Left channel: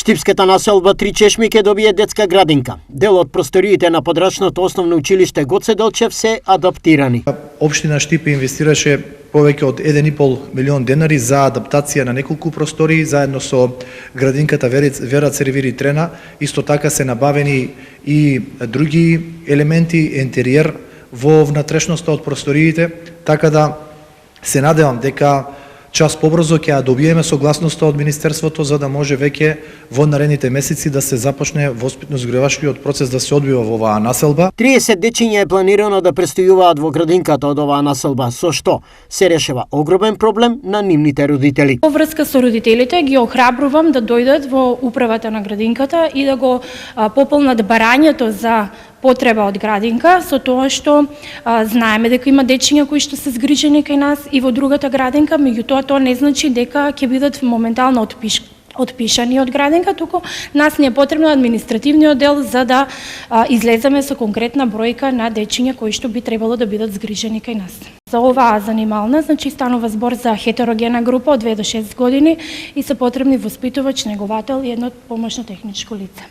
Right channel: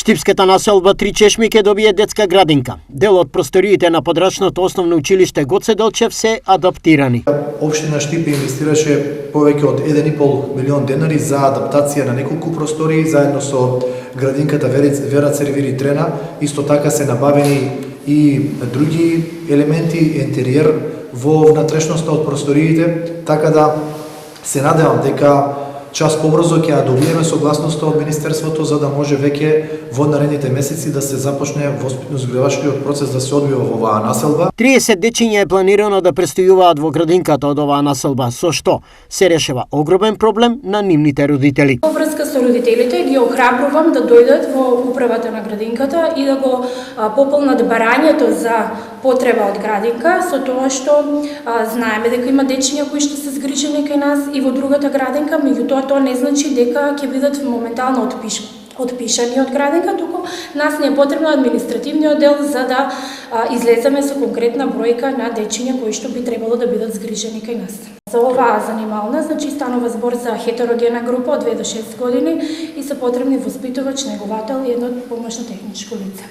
Штипската населба Три чешми ќе добие детска градинка. Дел од просториите на подрачното основно училиште Гоце Делчев се адаптирани. Општина Штипе инвестираше повеќе од 1,5 милион денари за адаптација на неколку простории заедно со градинката Вера Цервири Трена. Исто така се набавени и други елементи, интериер во внатрешноста од просториите, така да се надевам дека час побрзо ќе ја добиеме согласноста од Министерството за да може веќе во наредните месеци да се започне воспитно-згревачкиот процес да се одвива во оваа населба. 30 дечиња е планирано да престојуваат во градинката од оваа населба, со што се решава огромен проблем на нивните родители. Во врска со родителите ги охрабрувам да дојдат во управата на градинката и да го пополнат барањето за потреба од градинка, со тоа што знаеме дека има дечиња кои што се згрижени кај нас и во другата градинка, меѓутоа тоа не значи дека ќе бидат моментално отпишани од градинка, туку нас не е потребно административниот дел за да излеземе со конкретна бројка на дечиња кои што би требало да бидат згрижени кај нас. За оваа занимална, значи станува збор за хетерогена група од 2 до 6 години и се потребни воспитувач, неговател и едно помошно техничко лице.